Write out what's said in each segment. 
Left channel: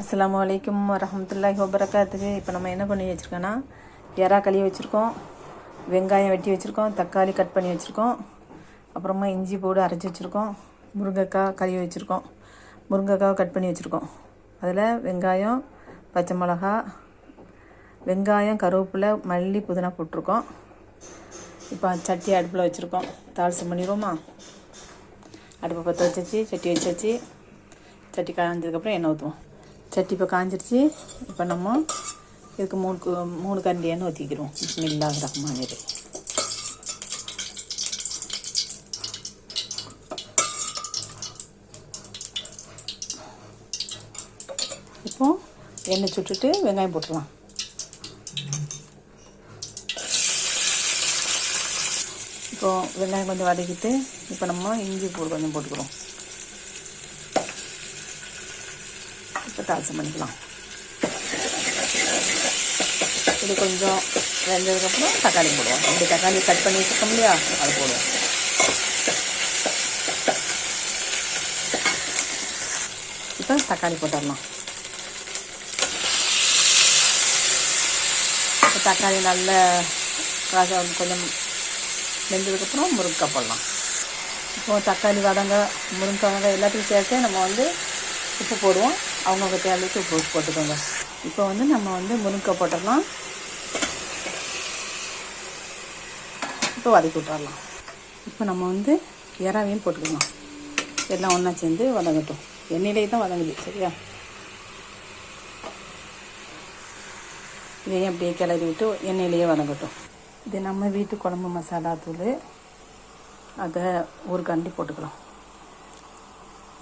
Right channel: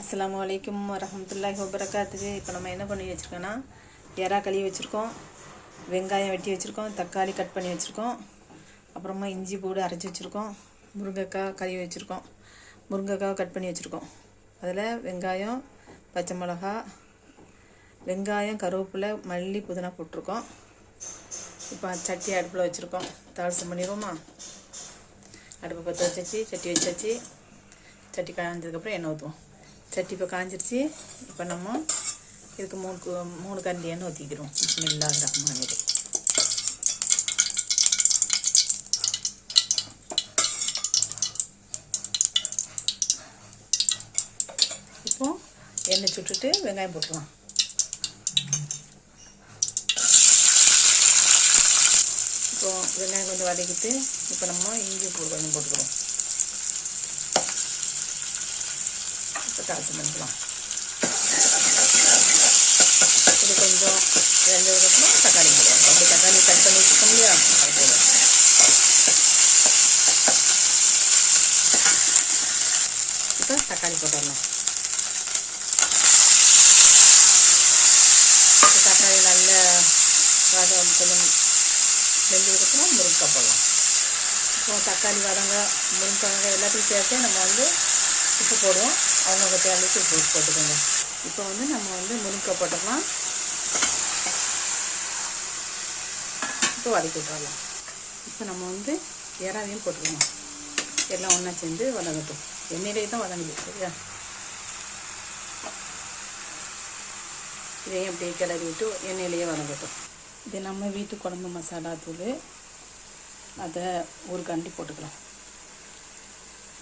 அஸ்ஸலாமு அலைக்கும் வரஹ்மத்துல்லாஹி வபரகாத்துஹு. இப்போ நம்ம என்ன பண்ணி வச்சுருக்கோன்னா, எறா கழுவி வச்சுருக்கோம், வெங்காயம் வெட்டி வச்சுருக்கோம், தக்காளி கட் பண்ணி வச்சுருக்கோம், அப்புறமா இஞ்சி பூண்டு அரைச்சி வச்சுருக்கோம், முருங்கைக்காய் கழுவி வச்சுருக்கோம், முருங்கைக்காவை கட் பண்ணி வச்சுருக்கோம். அதில் வெங்காயம், பச்சை மிளகா, வெங்காயம், கருவேப்பிலை, மல்லி, புதினா போட்டிருக்கோம். இப்போ சட்டி அடுப்பில் வச்சுருக்கோம். தாளிசம் பண்ணிடுவோமா? அடுப்பை பற்ற வச்சாச்சு, சட்டி வச்சாச்சு. சட்டி காய்ஞ்சதுக்கப்புறம் எண்ணெய் ஊற்றுவோம். சட்டி இப்போ காஞ்சிருச்சு. இப்போ நம்ம இதுக்கு மூணு கரண்டி எண்ணெய் ஊற்றிக்கிறோம். பிஸ்மில்லாஹிர் ரஹ்மானிர் ரஹீம். இப்போ எண்ணெய் சுட்டுட்டு வெங்காயம் போட்டுடலாம். இப்போ வெங்காயம் கொஞ்சம் வதக்கிட்டு இப்போ நம்ம இஞ்சி பூண்டு கொஞ்சம் போட்டுக்கிறோம். இப்போ தாளிசம் பண்ணிக்கலாம். இது கொஞ்சம் வெந்ததுக்கப்புறம் தக்காளி போடுவோம். அப்படி தக்காளி கட் பண்ணி வச்சுருக்கோம் இல்லையா, அது போடுவோம். இப்போ தக்காளி போட்டுடலாம். இப்போ தக்காளி நல்ல கொஞ்சம் வெந்ததுக்கப்புறம் முருங்கைக்காய் போடலாம். இப்போது தக்காளி முருங்கைக்காய் எல்லாத்துக்கும் சேர்த்து நம்ம உப்பு போடுவோம். அவங்கவுங்க தேவைக்கு உப்பு போட்டுக்கோங்க. இப்போ நம்ம முருங்கைக்காய் போட்டுடலாம். இப்போ வதக்கி விட்டுறலாம். இப்போ நம்ம இறாவையும் போட்டுக்கலாம். எல்லாம் ஒன்றா சேர்ந்து வதங்கட்டும். எண்ணெயிலே தான் வதங்குது, சரியா? இதையும் அப்படியே கிளறி விட்டு எண்ணெயிலேயே வதங்கட்டும். இது நம்ம வீட்டு குழம்பு மசாலா தூள், அதை ஒரு கரண்டி போட்டுக்கலாம்.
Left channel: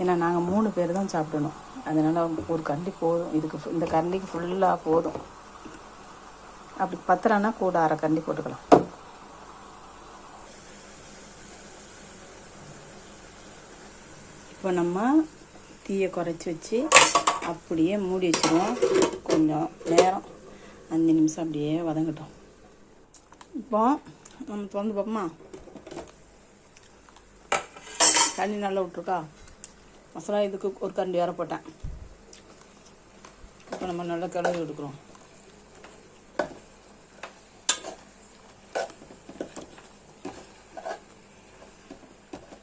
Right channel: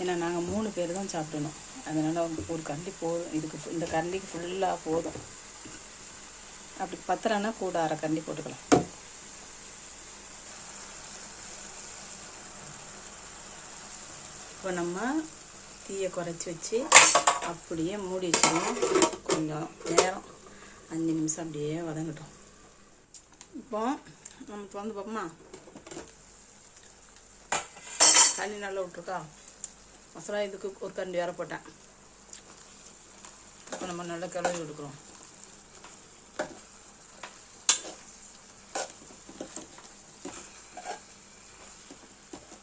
ஏன்னா நாங்கள் 3 பேர் தான் சாப்பிடணும், அதனால் ஒரு கரண்டி போதும். இந்த கரண்டிக்கு ஃபுல்லாக போதும். அப்படி பத்தலைன்னா கூட அரை கரண்டி போட்டுக்கலாம். இப்போ நம்ம தீயை குறைச்சி வச்சு அப்படியே மூடி வச்சுருவோம். கொஞ்சம் நேரம் 5 நிமிஷம் அப்படியே வதங்கட்டும். இப்போ நம்ம திறந்து பார்ப்போமா? தண்ணி நல்லா விட்ருக்கா? மசாலா இதுக்கு ஒரு கரண்டி வேற போட்டேன். இப்போ நம்ம நல்லா கிளறி எடுக்கிறோம்.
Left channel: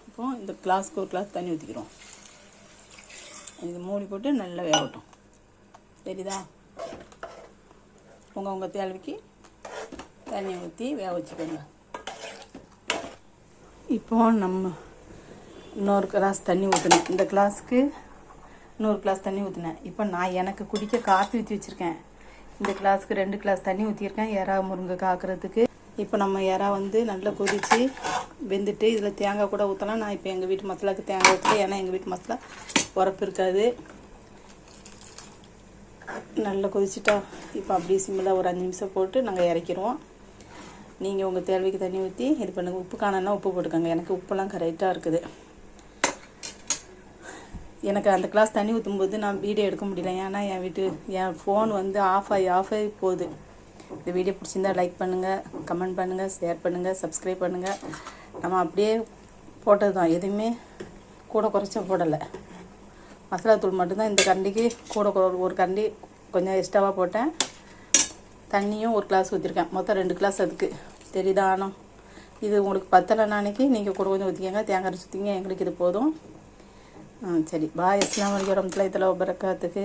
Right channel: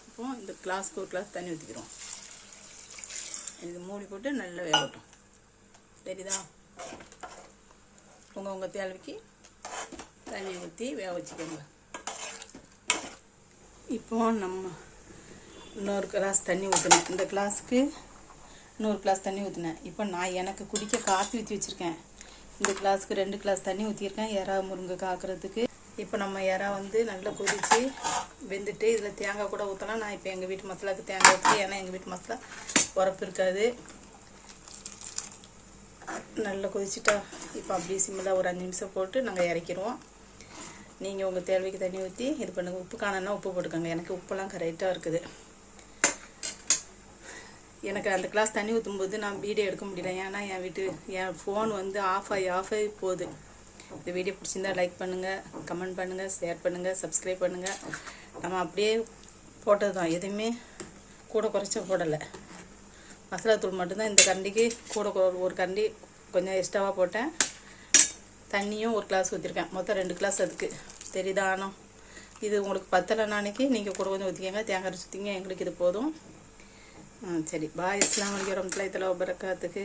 இப்போ இந்த கிளாஸ்க்கு ஒரு கிளாஸ் தண்ணி ஊற்றிக்கிறோம். இது மூடி போட்டு நல்லா வேகட்டும். சரிதா? உங்கள் தேவைக்கு தண்ணி ஊற்றி வேக வச்சுக்கோங்க. இப்போ நம்ம இன்னொரு கிளாஸ் தண்ணி ஊற்றினேன். இந்த கிளாஸுக்கு இன்னொரு கிளாஸ் தண்ணி ஊற்றினேன். இப்போ நான் எனக்கு குடிக்க காப்பி ஊற்றி வச்சுருக்கேன். இந்த கிளாஸுக்கு 2 கிளாஸ் தண்ணி ஊற்றிருக்கேன் எறா முருங்கை காக்கிறதுக்கு. இப்போ நம்ம எறா நல்லா கொதித்து வெந்துட்டு இதில் தேங்காய் கூட ஊற்றலாம். நான் இப்போ எங்கள் வீட்டு மசாலாவுக்கு தேங்காய் ஊற்றி, ஏன்னா எங்கள் வீட்டு மசாலா உரப்பு இருக்காது. நல்லா கொதிச்சுட்டா இப்போ அப்படியே சிம்மில் ஒரு 5 நிமிஷம் போட்டு நாங்கள் இறக்கிடுவோம். நீங்கள் உங்கள் தேவைக்கு தண்ணி ஊற்றி இது பண்ணுங்கள். உப்பு காணனா உப்பு போட்டுக்கோங்க. எனக்கு உப்பெல்லாம் கரெக்டாக இருக்குது. எனக்கு அந்த கிளாஸ் தண்ணி ஊற்றும்போது நான் வீடியோ எடுக்க முடியல, ஏன்னா என் ஃபோன் ஆஃப் ஆகி போகுது. இந்த வீடியோ பிடிச்சிருந்தா லைக் பண்ணுங்கள், கமெண்ட் பண்ணுங்கள், ஷேர் பண்ணுங்கள், சப்ஸ்கிரைப் பண்ணுங்கள். நம்ம அப்படியே போட்டது தான், எதுவுமே கூட குறைச்சா போடலை. மசாலா தூள் மட்டும்தான். இந்த கரண்டிக்கு கூட ஒரு கரண்டி கொஞ்சம் எக்ஸ்ட்ராவாக போட்டேன். தண்ணியும் ஒரு கிளாஸ் ஊற்றிருக்கேன். மொத்தம் 2 கிளாஸ் அதுக்கு. தெரியுதா? ஆனால் இது உங்களுக்கு பத்தலைன்னா அன்றைக்கி நீங்கள் கூட கொஞ்சம் ஊற்றிக்கங்க. தேங்காய் சுற்றிங்க. எங்களுக்கு இது போதும். சரி, பாய். அஸ்ஸலாமு அலைக்கும் வரஹ்மத்துல்லாஹி வபரகாத்துஹு.